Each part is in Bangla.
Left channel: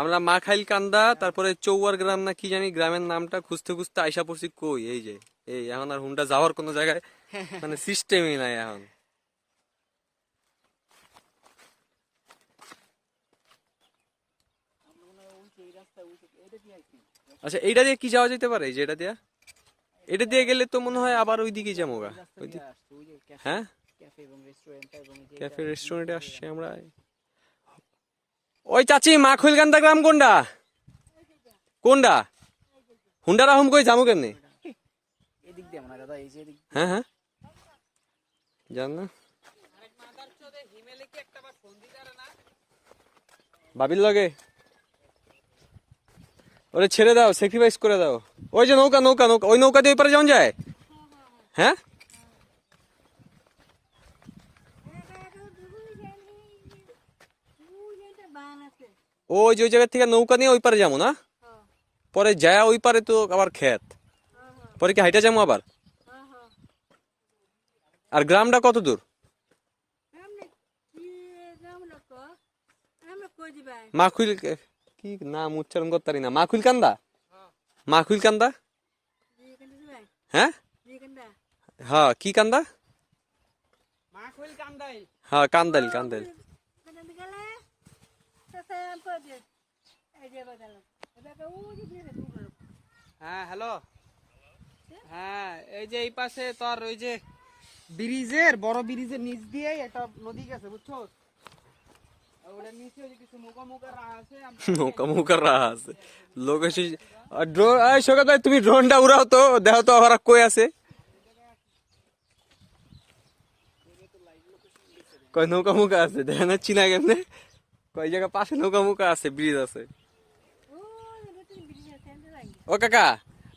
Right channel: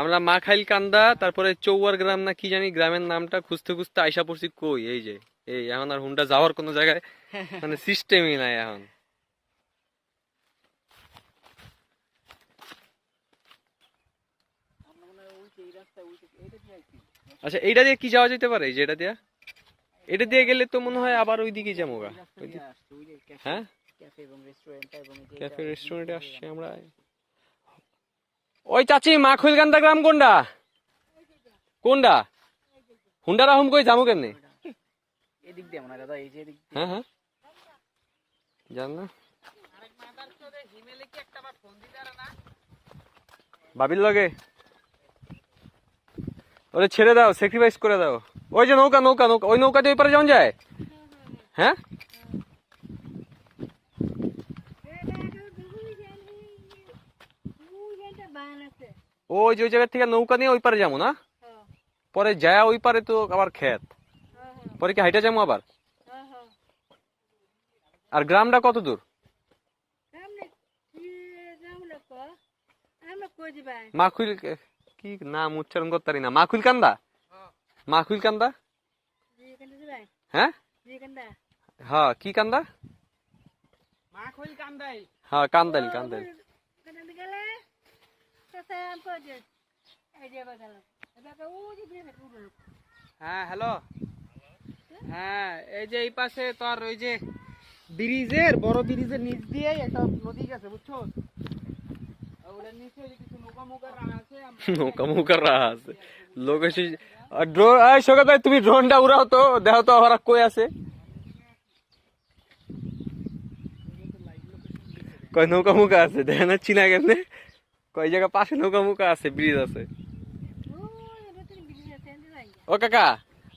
আমরা মাখাইল কান্দা তারপরে চৌয়ার গ্রাম না কি জানি গ্রামের নামটা খুঁজতে খুঁজতে আইসা পড়ছি কই এই যে এই এখন আর হুন্ডা যাওয়ার কোনো জায়গায় মানে সিস্টেমই নাই এখন। আচ্ছা এইটা দিয়ে কি যাওয়া যেতে পারে? যে এটা দিয়া, এটা দিয়ে গেলে তো মনে হয় আবার ওইদিকে যাবো গা। হ্যাঁ ক্যাফে রেস্টুরেন্টে আসছি আমরা। ওই চাচি মাখইল কান্দা গ্রাম কোনটা কোনটা? হুন্ডা রাহুম কই যাবো কেমনে? এদিক দিয়ে মনে দাদা, এই যে এদিক। হ্যাঁ হ্যাঁ জান না বাবির লগে ওরে ছেড়ে দাও, স্যাক্রিফাইস করে দাও। ওই যে নৌকা নৌকা নৌকা, ওই নৌকা দিয়ে ওই পারে যাওয়া যায়। হ্যাঁ ওই যে ওই জায়গা থেকে নৌকা নিয়ে ওই পারে যাবো না, পরে যায় ওই পারে তো আবার ক্ষেত, পরে কি হাইটা যাবো আবার? আর গ্রামটা কত দূর? মাখুইল কি নাম উচ্চারণ করতে পারি না। মাখুইল কান্দা, মাখুইল কান্দা। হ্যাঁ হ্যাঁ কি কান্দা? হ্যাঁ কান্দাইল কান্দাইল। হ্যাঁ হ্যালো, হ্যাঁ এই যে এই পাশে তোর ওই যে ব্রিজের বড় ব্রিজের নিচ দিয়ে একটা নদী গেছে বুঝছো, ওটার নিচে ওই যে কিছু নৌকা মৌকা আছে। নৌকা মৌকা রাহা আছে লোক এসে ড্রোন। এই সকাল ভাই তুমি ড্রোনটা উড়াও তো, দেখো তো আবার কই আছে। কয় নৌকা মুখা আছে দেখেন না চিনা গেছে, কয় জায়গা পাশে নৌকা মুখা আছে, ব্রিজ আছে। ও কাকা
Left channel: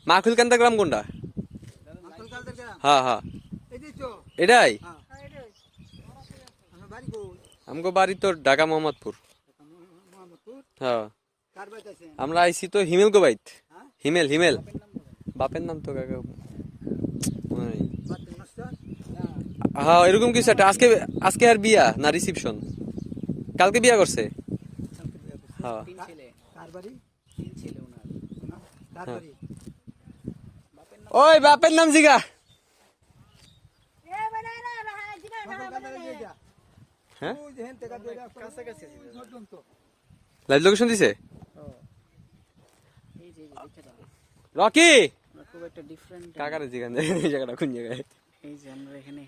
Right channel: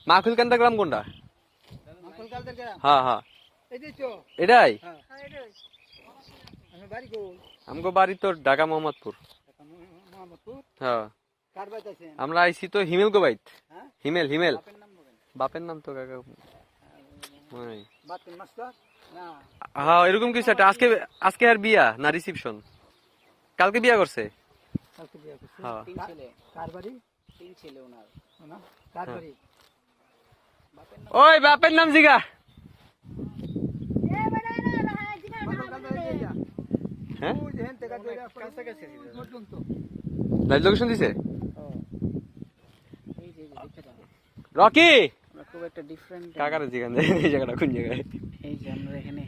মাখুইল কান্দা গ্রাম কোনটা? হ্যাঁ হ্যাঁ এটাই আমগো বাড়ি তো ঢাকা মোহাম্মদপুর। হ্যাঁ আমরা আইছি তো হিমেল গো বাইত। হিমেল হিমেল বাপের নাম তো কাকা। হ্যাঁ এরকম কিছু একটা। আজকে আজকে আর বিয়া না রিসিপশন? কালকে বিয়া করছে। হ্যাঁ ওই বাপের নাম জিগা। হ্যাঁ লাইভ লোকেশন দিছে রকি। খুব একটা ডিফারেন্ট কাকার জিগান এই জায়গাটা কোন জায়গায়? এই যে আমরা এখানে